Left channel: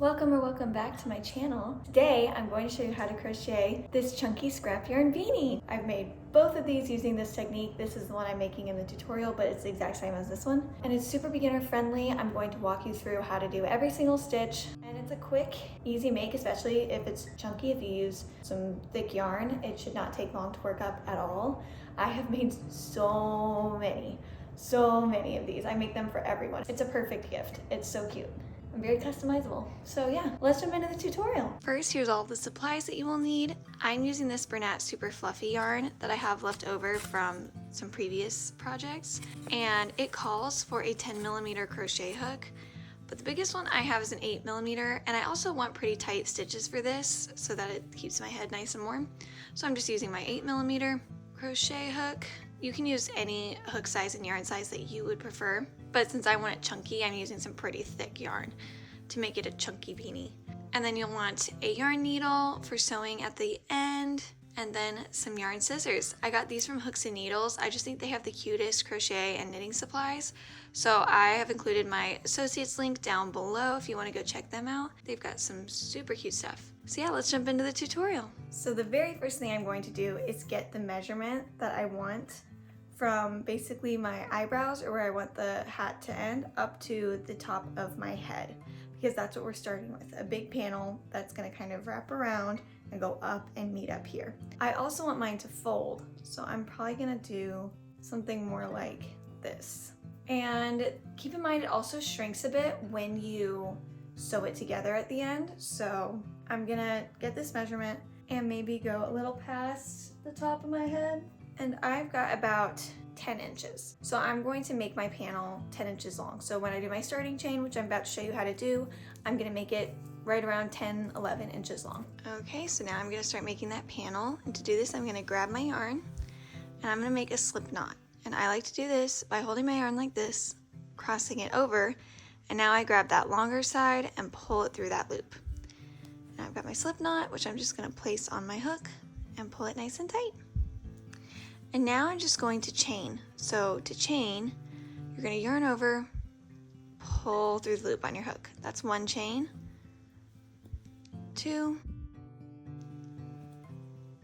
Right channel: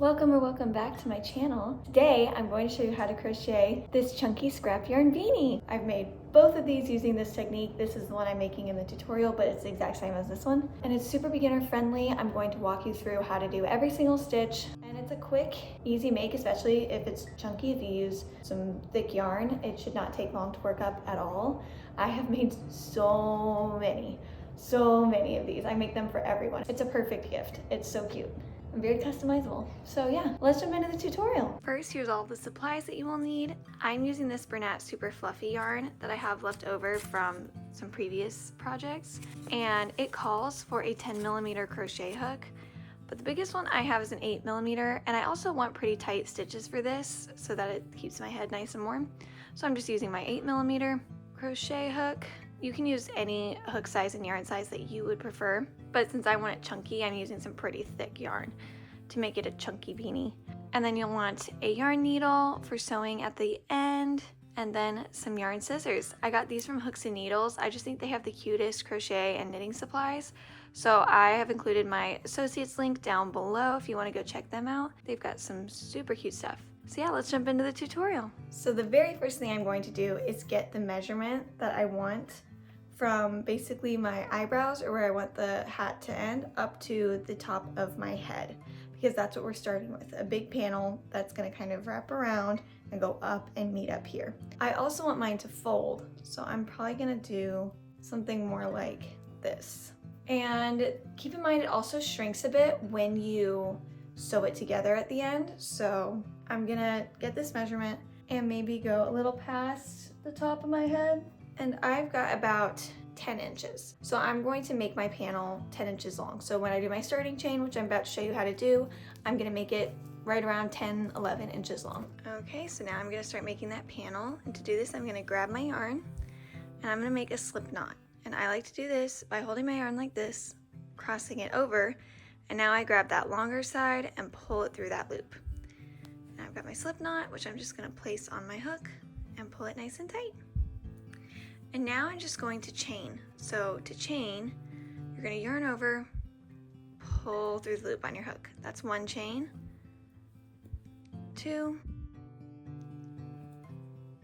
Welcome back to my channel. Today I'm going to show you how to crochet this chunky scrap yarn beanie. I've made both of these using this technique. This is the one I'm making in the tutorial, but it's the exact same as this one. And it's super beginner friendly. I'm going to walk you through how to do every single stitch. And it's a quick, easy make, especially if it's chunky. If you use some thick yarn, it should not take long to work up at all. I have made so many of these. I make them for everyone. It's a perfect gift. It's so cute. I'm very customizable. So yeah, let's jump into the tutorial. First, here's all the supplies that you will need. I'm using this Bernat Super Fluffy yarn that I have left over from some previous projects, and it calls for a 10mm crochet hook, but the biggest one I have is an 8mm, and I also want pretty tight stitches for this so that it keeps my head nice and warm. So I'm just using my 8mm crochet hook. You can use any hook size and yarn size that you would prefer, but since I want it chunky, I'm using some pretty thick yarn to make it a chunky beanie. And then you'll want a yarn needle for sewing at the end, and then some yarn scissors. I got these from Hooks and Needles. I just think they have the cutest crochet and knitting supplies. So I have included my associates link down below if you want to go check them out. They've got some super cute stuff. So yeah, let's jump into the tutorial. So the very first thing I'm going to do is get the measurement that I want from basically my eyebrows, or where I want the hat to end, up to the top of my head, because that's what we're starting with, a big panel that's going to kind of wrap around and go up and meet up here. I also want mine to fold, so I'm probably going to do something more like this. And keep in mind, it also shrinks a bit when you sew it together at the end, so I'm gonna get this measurement and maybe go a little past the top of my head. And I've got about 10 inches. So I'm going to make my panel 10 inches long. So when I do my starting chain, which I'm about to show you how to do, I'm gonna make it right around 10, 11 inches long. Okay, so now I'm gonna start making that panel. And to do this, I'm gonna grab my yarn and I'm gonna make a slip knot. And I like to do this by holding my yarn like this, crossing it over, and now I grab that longer side and pull it through that loop. Now I've got my slip knot, which I'm just gonna place on my hook and pull it nice and tight. And now I'm just going to chain. So to chain, you're going to yarn over, pull through the loop on your hook. That's one chain, 2,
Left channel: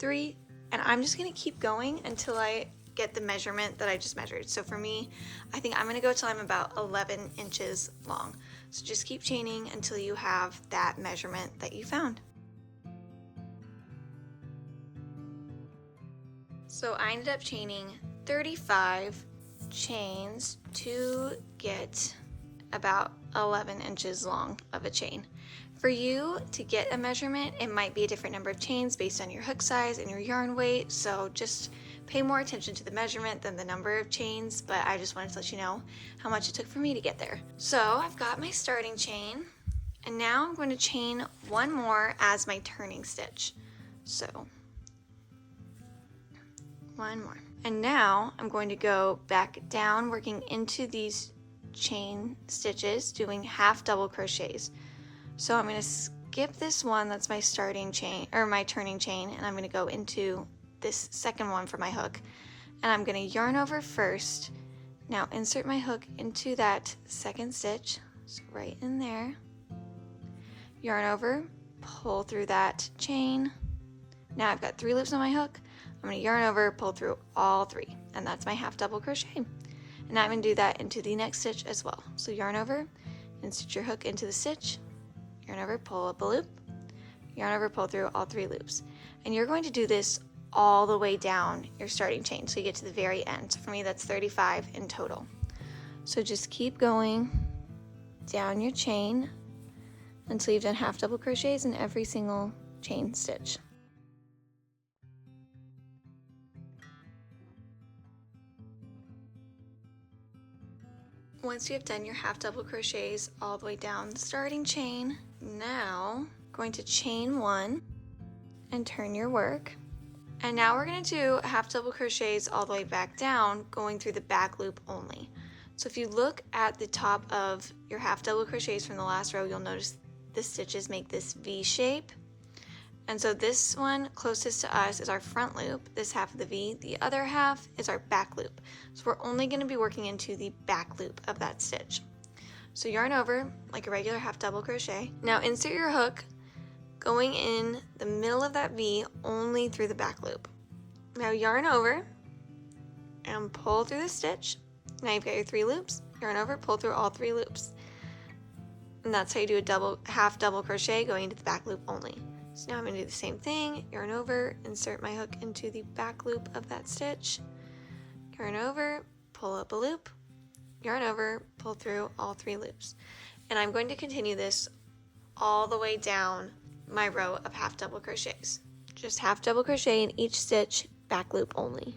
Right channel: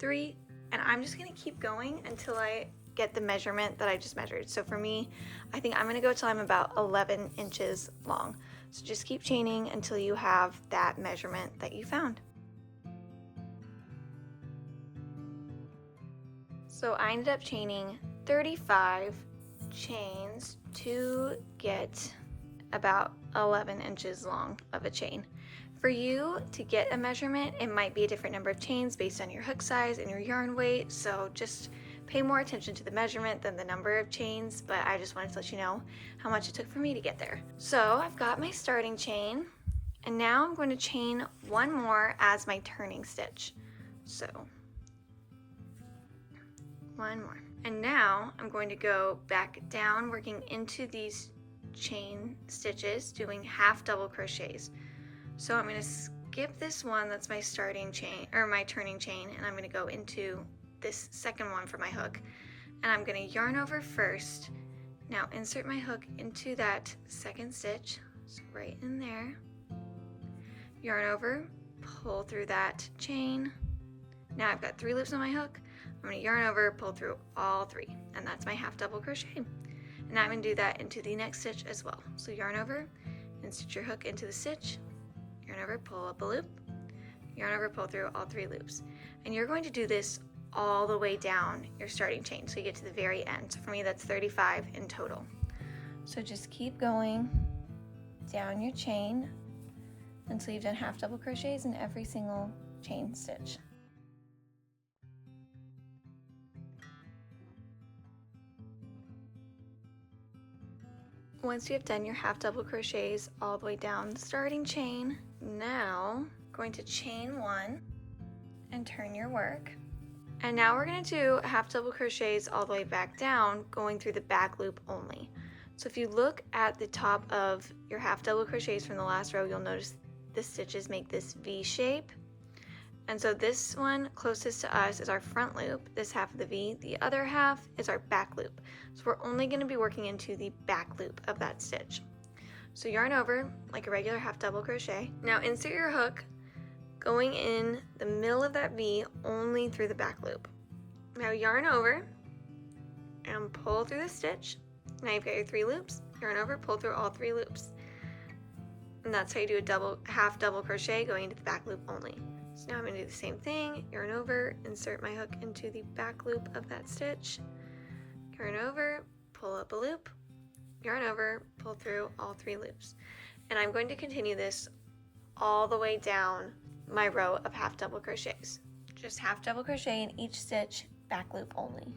3, and I'm just going to keep going until I get the measurement that I just measured. So for me, I think I'm going to go till I'm about 11 inches long. So just keep chaining until you have that measurement that you found. So I ended up chaining 35 chains to get about 11 inches long of a chain. For you to get a measurement, it might be a different number of chains based on your hook size and your yarn weight, so just pay more attention to the measurement than the number of chains, but I just wanted to let you know how much it took for me to get there. So I've got my starting chain, and now I'm going to chain one more as my turning stitch. So one more. And now I'm going to go back down, working into these chain stitches, doing half double crochets. So I'm going to skip this one that's my starting chain, or my turning chain, and I'm going to go into this second one for my hook. And I'm going to yarn over first. Now insert my hook into that second stitch, so right in there. Yarn over, pull through that chain. Now I've got 3 loops on my hook. I'm going to yarn over, pull through all 3, and that's my half double crochet. And now I'm going to do that into the next stitch as well. So yarn over, insert your hook into the stitch, yarn over, pull up a loop, yarn over, pull through all 3 loops. And you're going to do this all the way down your starting chain so you get to the very end. So for me, that's 35 in total. So just keep going down your chain until you've done half double crochets in every single chain stitch. Once you have done your half double crochets all the way down the starting chain, now going to chain 1 and turn your work. And now we're going to do half double crochets all the way back down, going through the back loop only. So if you look at the top of your half double crochets from the last row, you'll notice the stitches make this V shape. And so this one closest to us is our front loop, this half of the V. The other half is our back loop. So we're only going to be working into the back loop of that stitch. So yarn over like a regular half double crochet. Now insert your hook going in the middle of that V only through the back loop. Now yarn over and pull through the stitch. Now you've got your 3 loops. Yarn over, pull through all 3 loops. And that's how you do a half double crochet going into the back loop only. So now I'm gonna do the same thing. Yarn over, insert my hook into the back loop of that stitch. Yarn over, pull up a loop. Yarn over, pull through all 3 loops. And I'm going to continue this all the way down my row of half double crochets. Just half double crochet in each stitch, back loop only.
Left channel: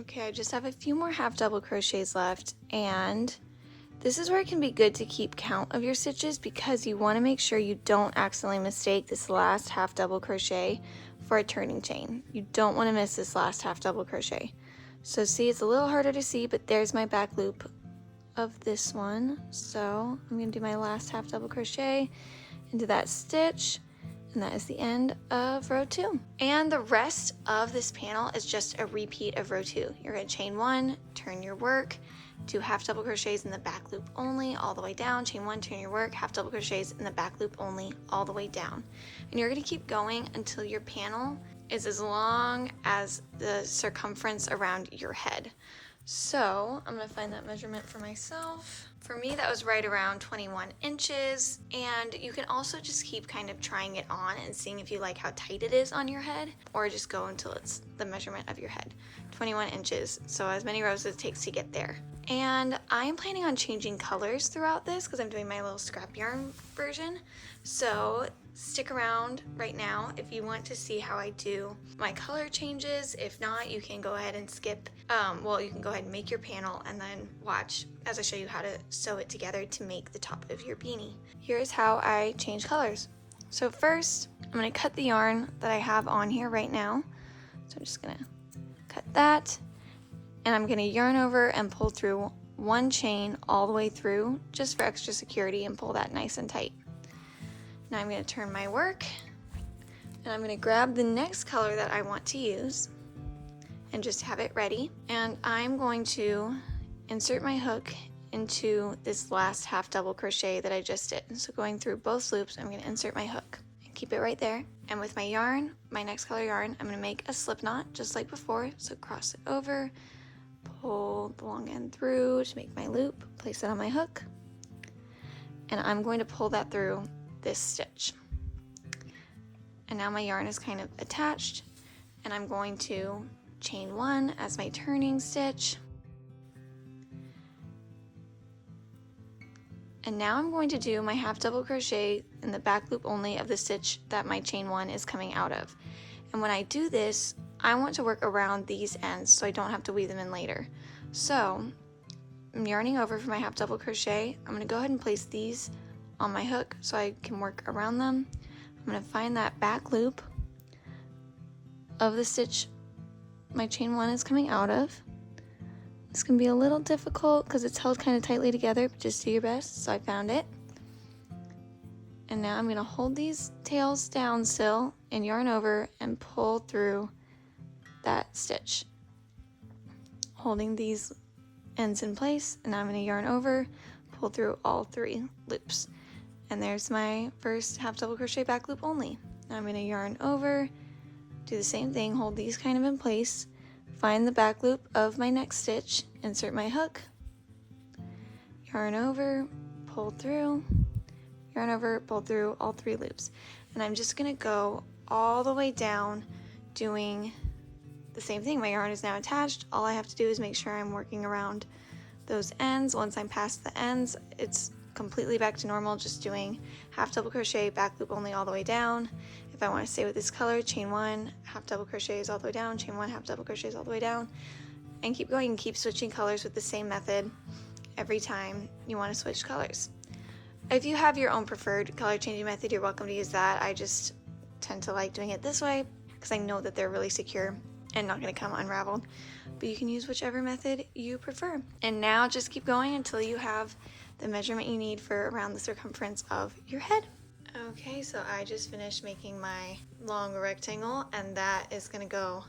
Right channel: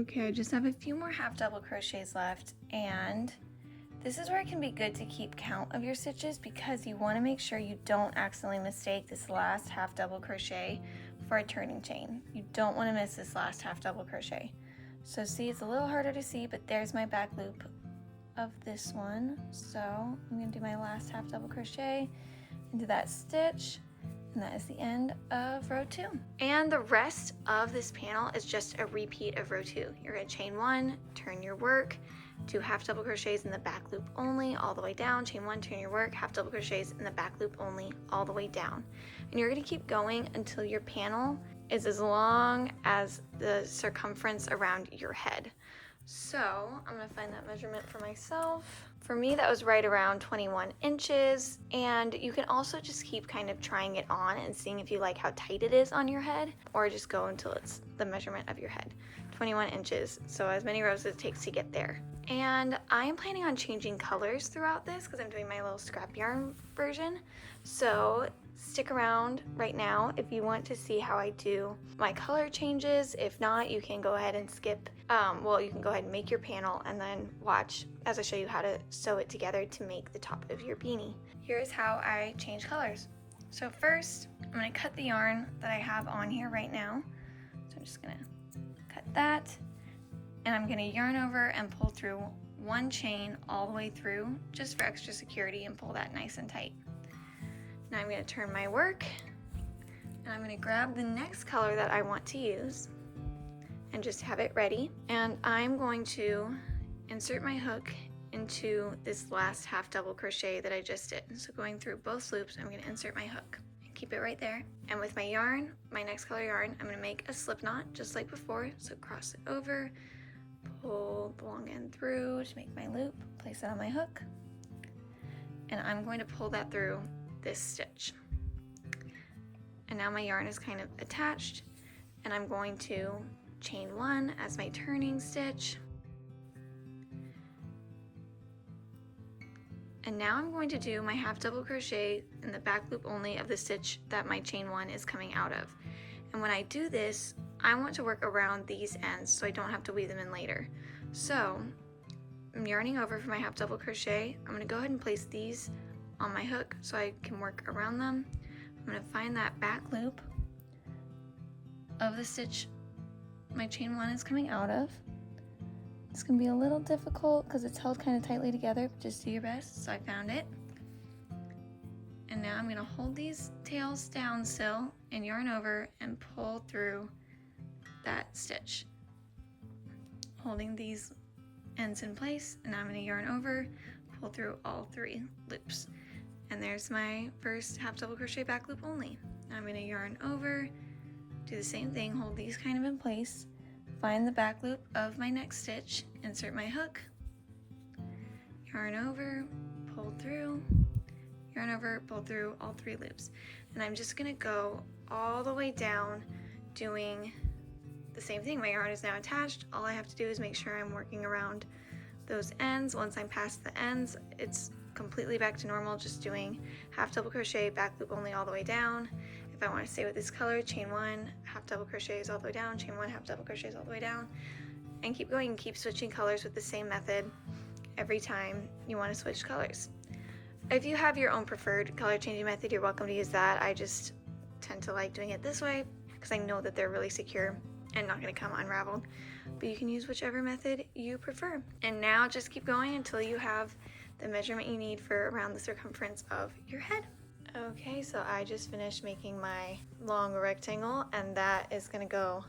Okay, I just have a few more half double crochets left, and this is where it can be good to keep count of your stitches because you want to make sure you don't accidentally mistake this last half double crochet for a turning chain. You don't want to miss this last half double crochet. So see, it's a little harder to see, but there's my back loop of this one. So I'm going to do my last half double crochet into that stitch, and that is the end of row 2. And the rest of this panel is just a repeat of row 2. You're going to chain 1, turn your work, do half double crochets in the back loop only all the way down, chain 1, turn your work, half double crochets in the back loop only all the way down. And you're going to keep going until your panel is as long as the circumference around your head. So I'm going to find that measurement for myself. For me, that was right around 21 inches, and you can also just keep kind of trying it on and seeing if you like how tight it is on your head, or just go until it's the measurement of your head. 21 inches, so as many rows as it takes to get there. And I'm planning on changing colors throughout this because I'm doing my little scrap yarn version. So stick around right now if you want to see how I do my color changes. If not, you can go ahead and skip. You can go ahead and make your panel and then watch as I show you how to sew it together to make the top of your beanie. Here's how I change colors. So first, I'm going to cut the yarn that I have on here right now. So I'm just going to cut that. And I'm going to yarn over and pull through one chain all the way through just for extra security and pull that nice and tight. Now I'm going to turn my work and I'm going to grab the next color that I want to use and just have it ready. And I'm going to insert my hook into this last half double crochet that I just did. So going through both loops, I'm going to insert my hook and keep it right there. And with my yarn, my next color yarn, I'm going to make a slip knot just like before. So cross it over, pull the long end through to make my loop, place it on my hook, and I'm going to pull that through this stitch. And now my yarn is kind of attached, and I'm going to chain 1 as my turning stitch. And now I'm going to do my half double crochet in the back loop only of the stitch that my chain 1 is coming out of. And when I do this, I want to work around these ends so I don't have to weave them in later. So I'm yarning over for my half double crochet. I'm going to go ahead and place these on my hook so I can work around them. I'm going to find that back loop of the stitch my chain 1 is coming out of. It's going to be a little difficult because it's held kind of tightly together, but just do your best. So I found it. And now I'm going to hold these tails down still and yarn over and pull through that stitch, holding these ends in place. And now I'm going to yarn over, pull through all 3 loops. And there's my first half double crochet back loop only. Now I'm going to yarn over, do the same thing, hold these kind of in place, find the back loop of my next stitch, insert my hook, yarn over, pull through, yarn over, pull through all 3 loops. And I'm just going to go all the way down doing the same thing. My yarn is now attached. All I have to do is make sure I'm working around those ends. Once I'm past the ends, it's completely back to normal, just doing half double crochet, back loop only all the way down. If I want to stay with this color, chain 1, half double crochets all the way down, chain 1, half double crochets all the way down, and keep going and keep switching colors with the same method every time you want to switch colors. If you have your own preferred color changing method, you're welcome to use that. I just tend to like doing it this way because I know that they're really secure and not going to come unraveled, but you can use whichever method you prefer. And now just keep going until you have the measurement you need for around the circumference of your head. Okay, so I just finished making my long rectangle, and that is going to go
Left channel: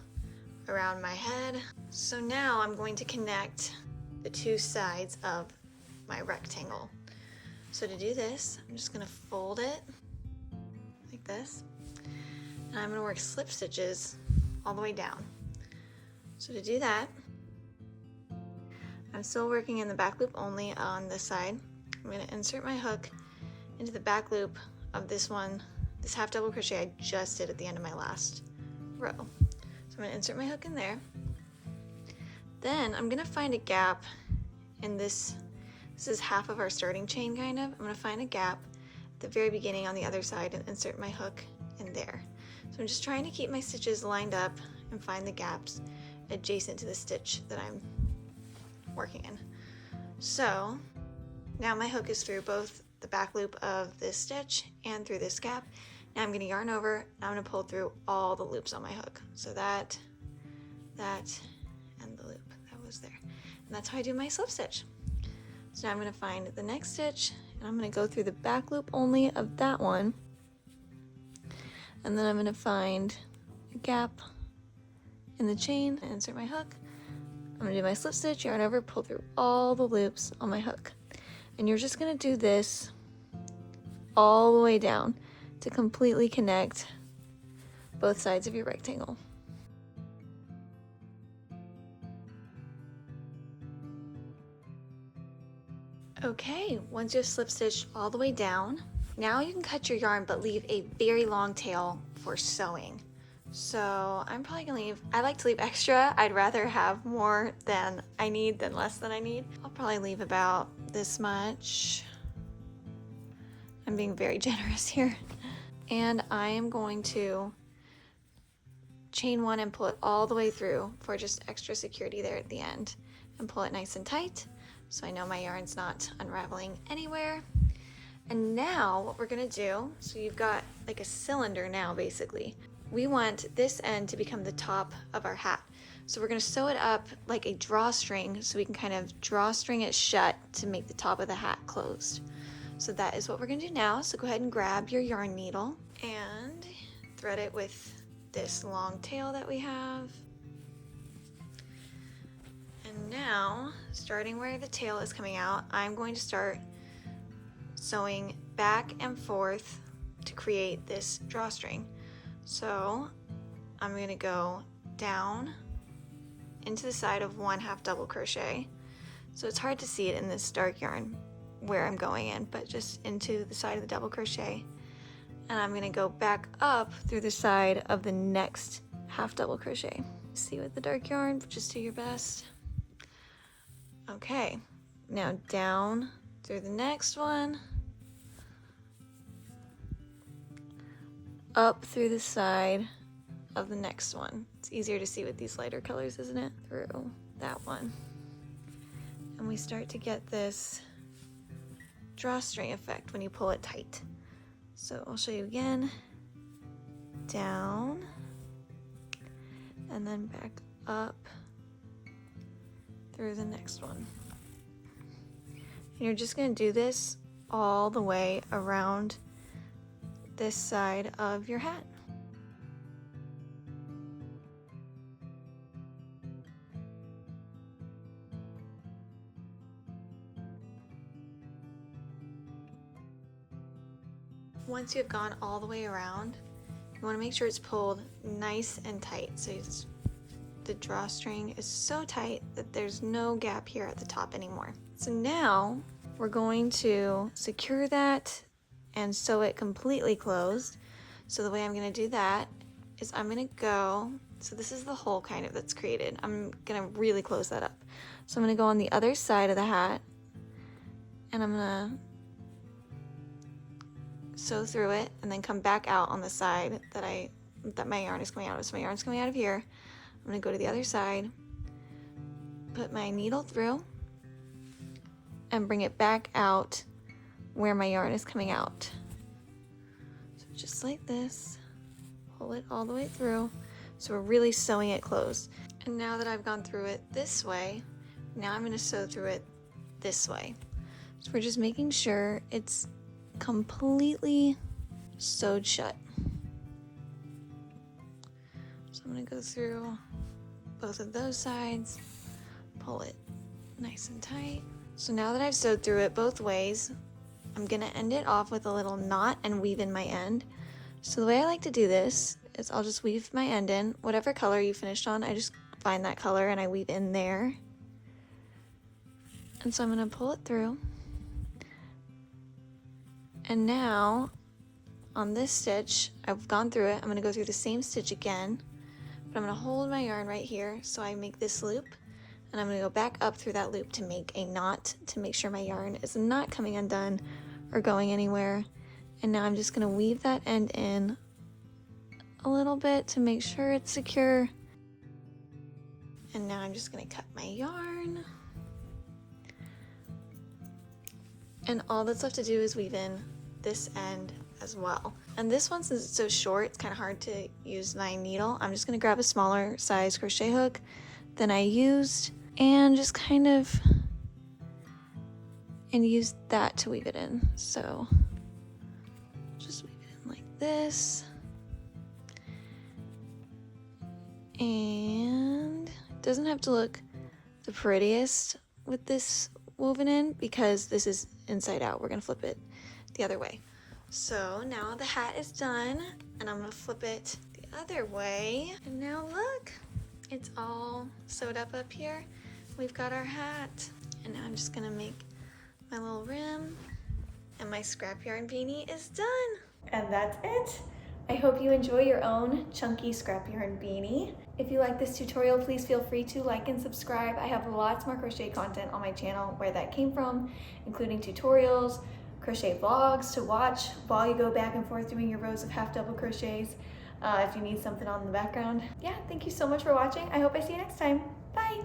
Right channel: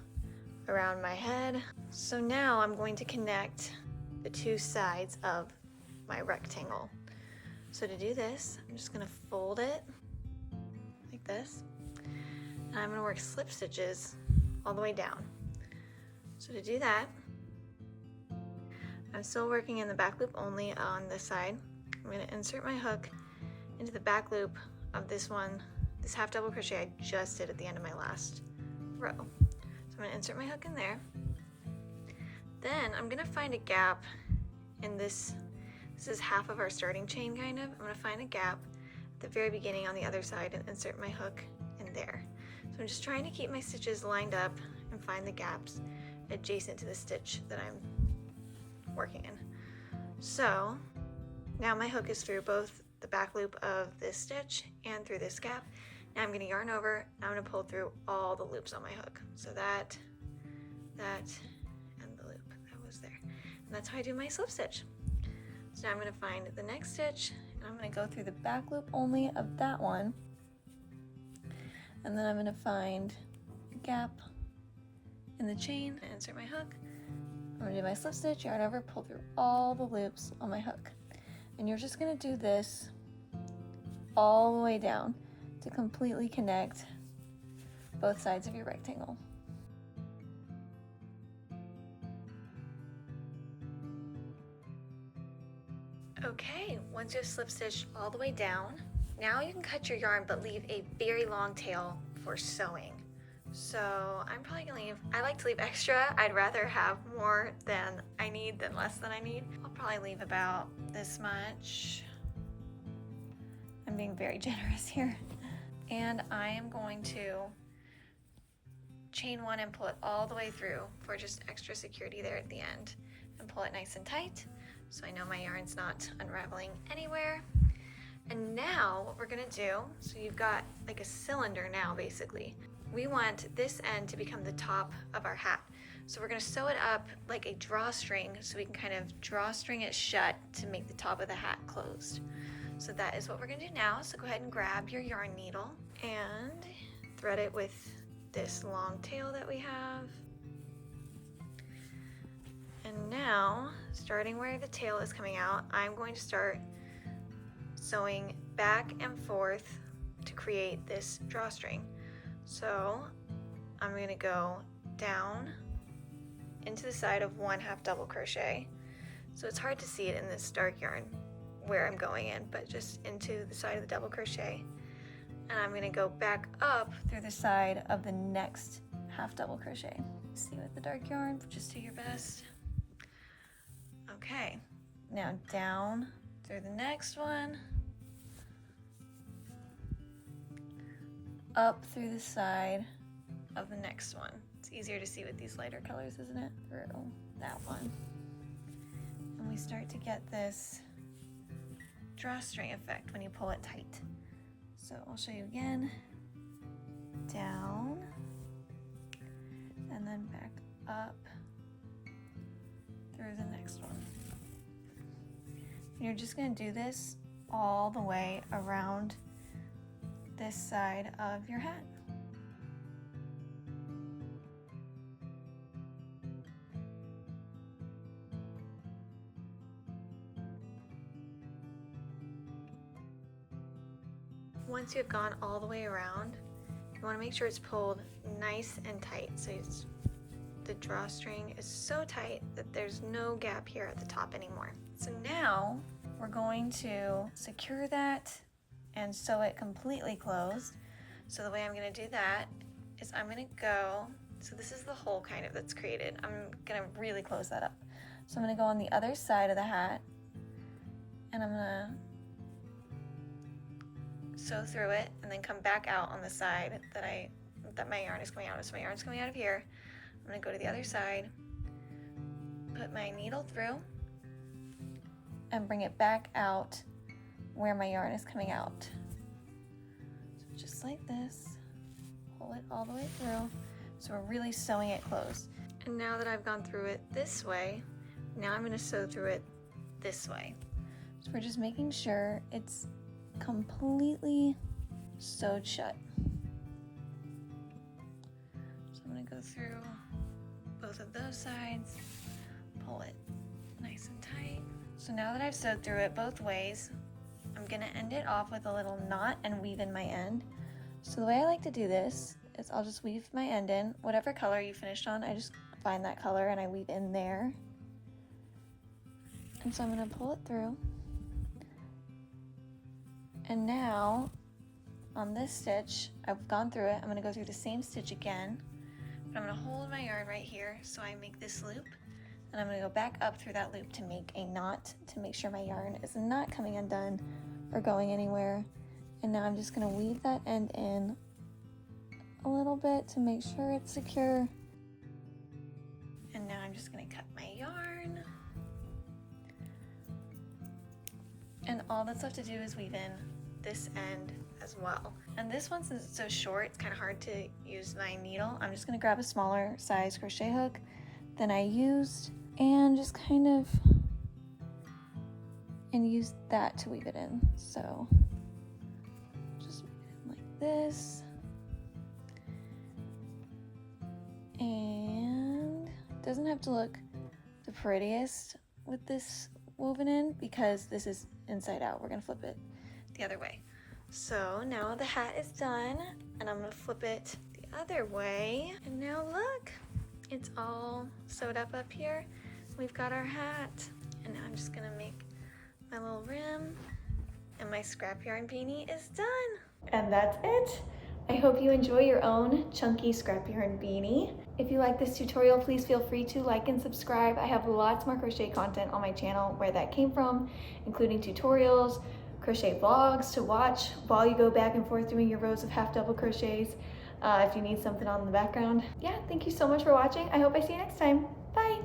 around my head. So now I'm going to connect the two sides of my rectangle. So to do this, I'm just gonna fold it like this, and I'm gonna work slip stitches all the way down. So to do that, I'm still working in the back loop only on this side. I'm gonna insert my hook into the back loop of this one, this half double crochet I just did at the end of my last row. So I'm gonna insert my hook in there. Then I'm gonna find a gap in this. This is half of our starting chain, kind of. I'm gonna find a gap at the very beginning on the other side and insert my hook in there. So I'm just trying to keep my stitches lined up and find the gaps adjacent to the stitch that I'm working in. So now my hook is through both the back loop of this stitch and through this gap. Now I'm gonna yarn over, and I'm gonna pull through all the loops on my hook. So that, and the loop that was there. And that's how I do my slip stitch. So now I'm gonna find the next stitch, and I'm gonna go through the back loop only of that one. And then I'm gonna find a gap in the chain and insert my hook. I'm gonna do my slip stitch, yarn over, pull through all the loops on my hook. And you're just gonna do this all the way down to completely connect both sides of your rectangle. Okay, once you've slip stitched all the way down, now you can cut your yarn but leave a very long tail for sewing. So I'm probably gonna leave, I like to leave extra. I'd rather have more than I need than less than I need. I'll probably leave about this much. I'm being very generous here. And I am going to chain one and pull it all the way through for just extra security there at the end, and pull it nice and tight so I know my yarn's not unraveling anywhere. And now what we're gonna do, so you've got like a cylinder now basically. We want this end to become the top of our hat. So we're gonna sew it up like a drawstring so we can kind of drawstring it shut to make the top of the hat closed. So that is what we're gonna do now. So go ahead and grab your yarn needle and thread it with this long tail that we have. And now, starting where the tail is coming out, I'm going to start sewing back and forth to create this drawstring. So I'm going to go down into the side of one half double crochet. So it's hard to see it in this dark yarn where I'm going in, but just into the side of the double crochet. And I'm going to go back up through the side of the next half double crochet. See with the dark yarn, just do your best. Okay, now down through the next one, up through the side of the next one. It's easier to see with these lighter colors, isn't it? Through that one. And we start to get this drawstring effect when you pull it tight. So I'll show you again. Down, and then back up through the next one. And you're just gonna do this all the way around this side of your hat. Once you've gone all the way around, you want to make sure it's pulled nice and tight. So the drawstring is so tight that there's no gap here at the top anymore. So now we're going to secure that and sew it completely closed. So the way I'm going to do that is I'm going to go, so this is the hole kind of that's created. I'm going to really close that up. So I'm going to go on the other side of the hat, and I'm going to sew through it and then come back out on the side that my yarn is coming out of. So my yarn's coming out of here. I'm going to go to the other side, put my needle through, and bring it back out where my yarn is coming out. So just like this, pull it all the way through. So we're really sewing it closed. And now that I've gone through it this way, now I'm going to sew through it this way. So we're just making sure it's completely sewed shut. So I'm going to go through both of those sides, pull it nice and tight. So now that I've sewed through it both ways, I'm gonna end it off with a little knot and weave in my end. So the way I like to do this is I'll just weave my end in, whatever color you finished on, I just find that color and I weave in there. And so I'm gonna pull it through. And now on this stitch, I've gone through it, I'm gonna go through the same stitch again, but I'm gonna hold my yarn right here so I make this loop, and I'm gonna go back up through that loop to make a knot to make sure my yarn is not coming undone or going anywhere. And now I'm just gonna weave that end in a little bit to make sure it's secure. And now I'm just gonna cut my yarn. And all that's left to do is weave in this end as well. And this one, since it's so short, it's kind of hard to use my needle. I'm just gonna grab a smaller size crochet hook than I used and just kind of use that to weave it in. So just weave it in like this. And it doesn't have to look the prettiest with this woven in because this is inside out. We're gonna flip it the other way. So now the hat is done and I'm gonna flip it the other way. And now look, it's all sewed up here. We've got our hat. And now I'm just gonna make my little rim and my scrap yarn beanie is done. And that's it. I hope you enjoy your own chunky scrap yarn beanie. If you like this tutorial, please feel free to like and subscribe. I have lots more crochet content on my channel where that came from, including tutorials, crochet vlogs to watch while you go back and forth doing your rows of half double crochets if you need something on the background. Yeah, thank you so much for watching. I hope I see you next time. Bye.